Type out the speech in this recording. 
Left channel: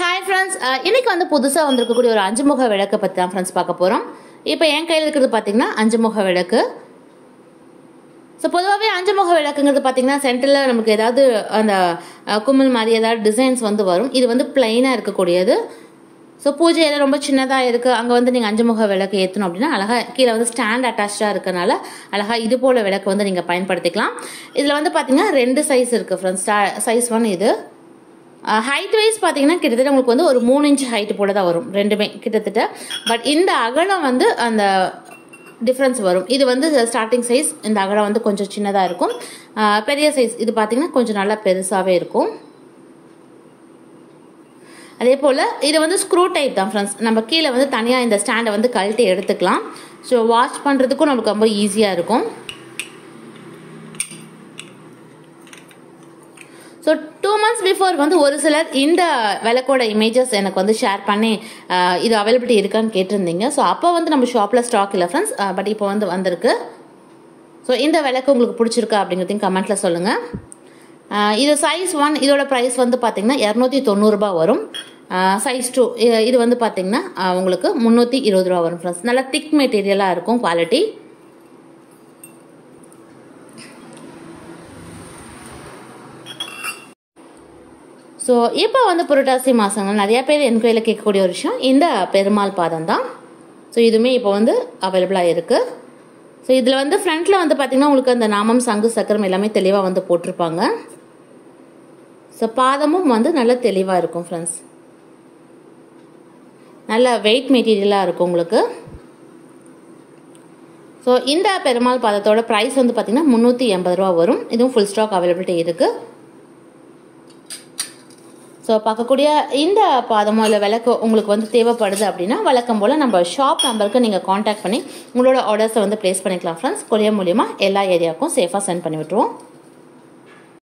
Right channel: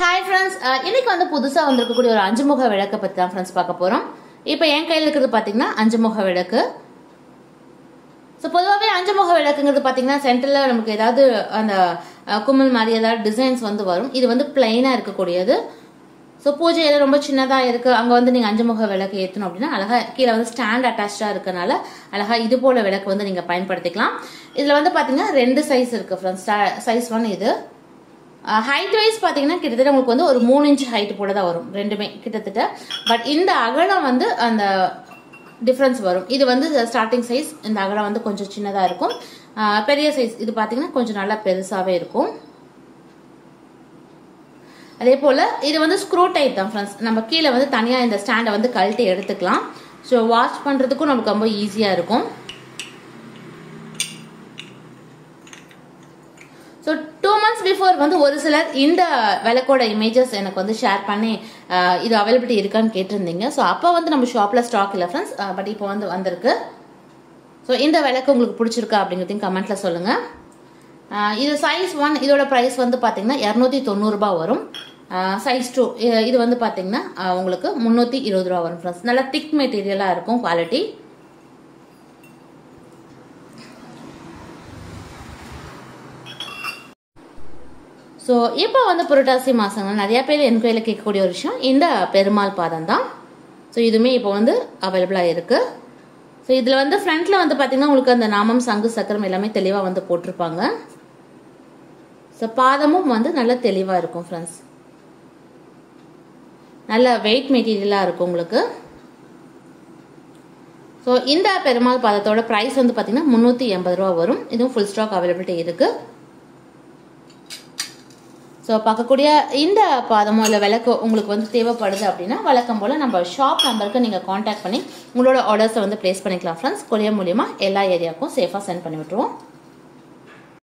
Hi friends, இன்னைக்கு வந்து புதுசா வந்திருக்கக்கூடிய ஒரு 5 முக விளக்க பத்தி தான் friends பார்க்க போறோம். இப்போ என் கையில இருக்குது பாத்தீங்கன்னா 5 முக விளக்கு. சோ பொதுவாவே 5 முக விளக்குங்கிறது பாத்தீங்கன்னா சென்டர்ல நமக்கு ஏதாவது அந்த குமிழ் மாதிரி ஏதாவது டிசைன்ஸ் வந்து வரும். இது வந்து பிளைனா இருக்கக்கூடியது. சோ பூஜை ஏதோ ரொம்ப சின்னதா இருக்கு அங்க வந்து நீங்க 5 முக விளக்கு ஏத்தணும் அப்படினா அழகா கீழ வந்து ஸ்டாண்ட் அட்டாச்டா இருக்கனால அழகா இது போல விளக்கு வந்து நீங்க பயன்படுத்திக்கலாம். இதுல வந்து பாத்தீங்கன்னா ரெண்டு சைஸ் இருக்கு फ्रेंड्स. சைஸ் 1 இது. ஹைட் வைஸ் பாத்தீங்கன்னா கிட்டத்தட்ட உங்களுக்கு வந்து ஒரு 3 இன்ச் ஹைட் போல தான் வரும் ரெண்டுமே கிட்டத்தட்ட. பட் இந்த அகலம் வந்து அந்த டிஃபரன்ஸ் வரும். இது வந்து ஸ்டார்டிங் சைஸ், இந்த அகலம் வந்து கொஞ்சம் சின்னதா இருக்கும். பெரிய சைஸ் இது பாத்தீங்கன்னா கொஞ்சம் நல்லா பெருசாவே இருக்கும். அதே போல இது வந்து ஸ்க்ரூ டைப் தான் फ्रेंड्स. நம்ம கீழே வந்து தனியா இந்த ஸ்டாண்டை வந்து கழட்டி எடுத்துக்கலாம். ஸோ வாஷ் பண்றதுக்கும் நமக்கு ரொம்ப ஈஸியா இருக்கும். ஸோ 2 months பிஃபோர் வந்து ஒரு சிலர் இந்த விளக்கோட இமேஜஸ் எனக்கு வந்து ஷேர் பண்ணி இது அவைலபிலிட்டி இருக்கான்னு கேட்டிருந்தீங்க. ஸோ அப்போ வந்து நம்ம ஷாப்ல ஸ்டாக் இல்லை ஃப்ரெண்ட்ஸ், பட் இப்போ வந்து வந்திருக்கு. ஸோ இந்த விளக்கு உங்களுக்கு பிடிச்சிருக்கா அப்படிங்கிறதையும் கமெண்ட்ல சொல்லுங்க. இது சைஸ் 1, இதோட ப்ரைஸ் வந்து பார்த்தீங்கன்னா 290 ரூபாய் வரும். சைஸ் 2 இது வந்து பார்த்தீங்கன்னா உங்களுக்கு 320 ரூபா வரும் ஃப்ரெண்ட்ஸ். நல்லா திக் மெட்டீரியலாக இருக்கும் குவாலிட்டி. ஸோ இப்போ வந்து புரட்டாசி மாசங்க நிறைய பேர் என்கொயரியில் கேட்கக்கூடிய ஒரு விஷயம் இந்த பெருமாள் பாதம் தான். ஸோ இதுவுமே இப்போ வந்து அவைலபிளாக இருக்கு. ஸோ இதில் வந்து ஃப்ரண்ட்ல வந்து பார்த்தீங்கன்னா உங்களுக்கு அந்த நாமம் சங்கு சக்கரம் எல்லாமே தெளிவாக வந்து போட்டிருப்பாங்க. ஸோ பாதமும் வந்து நல்லா தெளிவாக இருக்கும் ஃப்ரெண்ட்ஸ். நல்ல வெயிட் மெட்டீரியலாக இருக்கும் உங்களுக்கு. ஸோ இந்த பெருமாள் பாதத்தோட ப்ரைஸ் வந்து பார்த்தீங்கன்னா 380 ரூபா வரும். இதுவும் ஃபுல் ஸ்டாக் அவைலபிலிட்டி இருக்கு. ஸோ பார்க்கக்கூடிய இந்த பாதமோ இல்லை விளக்கு உங்களுக்கு வந்து தேவைப்படுது அப்படின்னா வழக்கம் போல் நம்ம ஷாப் நம்பருக்கு நீங்கள் காண்டாக்ட் பண்ணி உங்களோட ஆர்டர்ஸை வந்து பிளேஸ் பண்ணிக்கலாம் ஃப்ரெண்ட்ஸ். கொரியர் மூலியமாக எல்லா ஏரியாவுக்கும் சேஃபாக சென்ட் பண்ணி விட்டுருவோம்.